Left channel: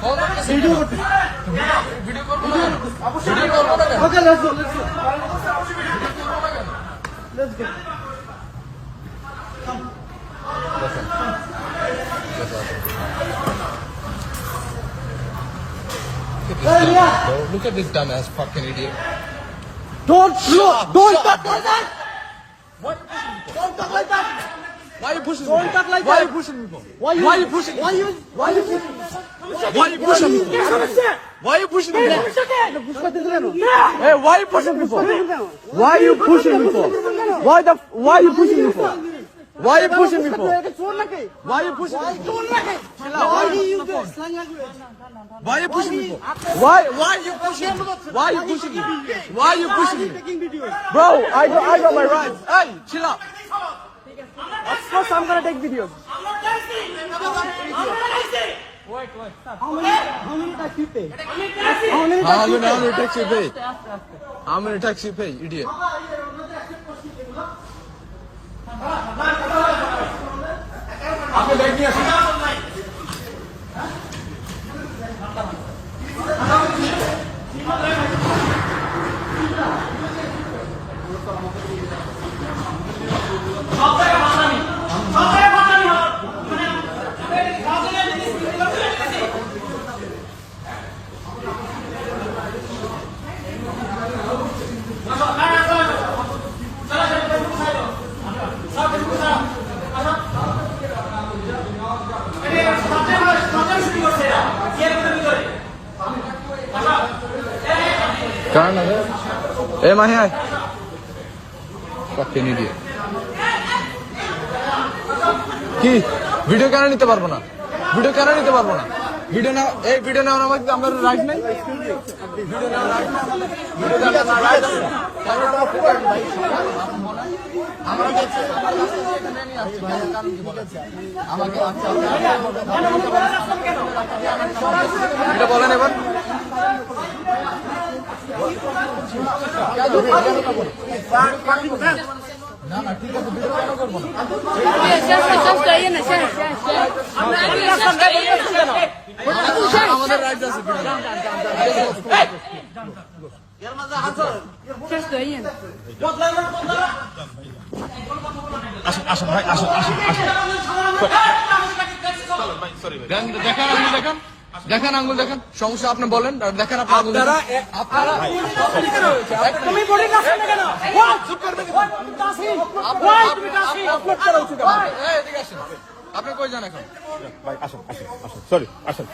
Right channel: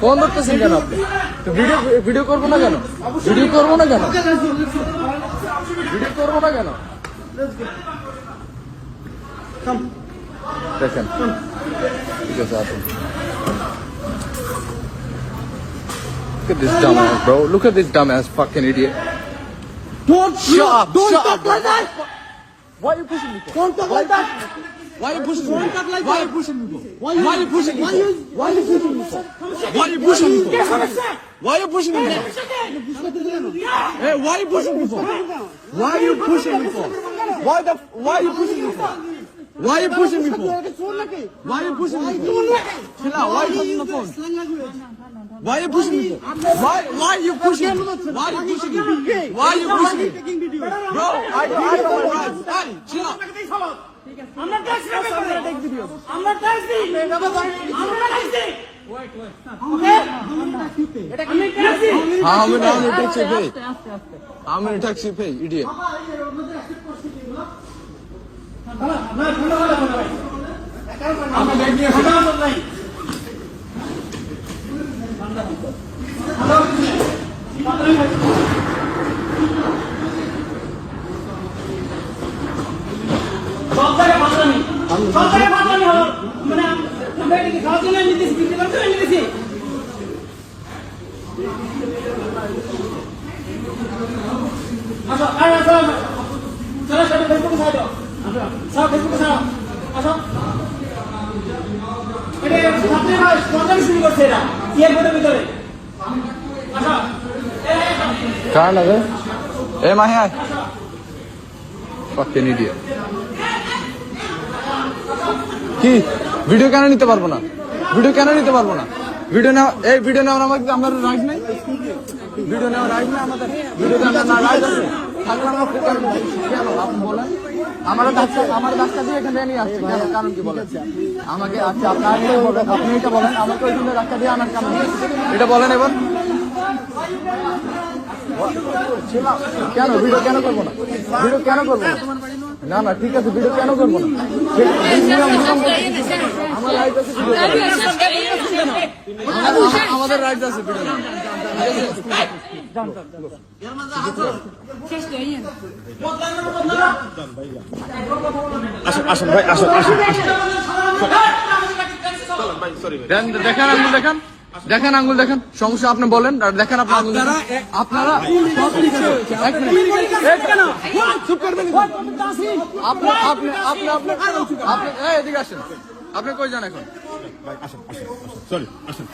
Phone ধরতেছেন কেন? Video করবো না কেন? ভিডিও করবো না কেন? ভিডিও করবো না কেন? দেখেন ঠিক আছে আপনি Look at this dumbass, bro. Look at this dumbass fucking idiot. Don't talk like that. Why are you pushing me for? Don't talk like that. Why are you pushing me? Don't talk like Why are that. you pushing me for? Why you pushing me? Why you pushing me for? Why you pushing me? Why are you pushing me for? Hey, Hey, why are you pushing me for? Why are you pushing me for? Why are you pushing me for? Why are you pushing me for? Why are you pushing me for? Chill out. Why are you pushing the phone? Why are you pushing me for? Why are you pushing me? Why are you pushing me? Why are you pushing me? Bro, I know my rights. Hey, chill out. I'm gonna take videos. I'm not taxi. Wait. How many taxi you pay? How many taxi you pay? How many taxi you pay, idiot? আপনি bag নিয়ে আসুন। কার লাগে এ মাহি আয় fucking idiot কি video কেন নিতে পারবো না ভিডিও না এই ভিডিও নেওয়ার আমার রাইট নাই ভিডিও নেওয়ার রাইট না আমাদের ভিডিও নেওয়ার না রাইট আছে তাহলে আমরা আপনি বলেন আমার রাস্তা দিয়ে এখানে নিয়ে আসছে কারণ কি বলেন আমাকে আচ্ছা আপনি এটা বলেন আমাকে ওখানে রাস্তা দিয়ে আনার কারণ এটা বলেন এবার কেন ভিডিও কেন করবো না না ঠিক আছে ভিডিও কেন করবো না আমাদের রাইট আছে ভিডিও দেখেন আঙ্গুল দেখেন সমস্যা আপনি বলেন দেখেন আপনার আঙ্গুল আপনারা এদিকে আসেন আপনি কই যান এখন আসেন সরি আসেন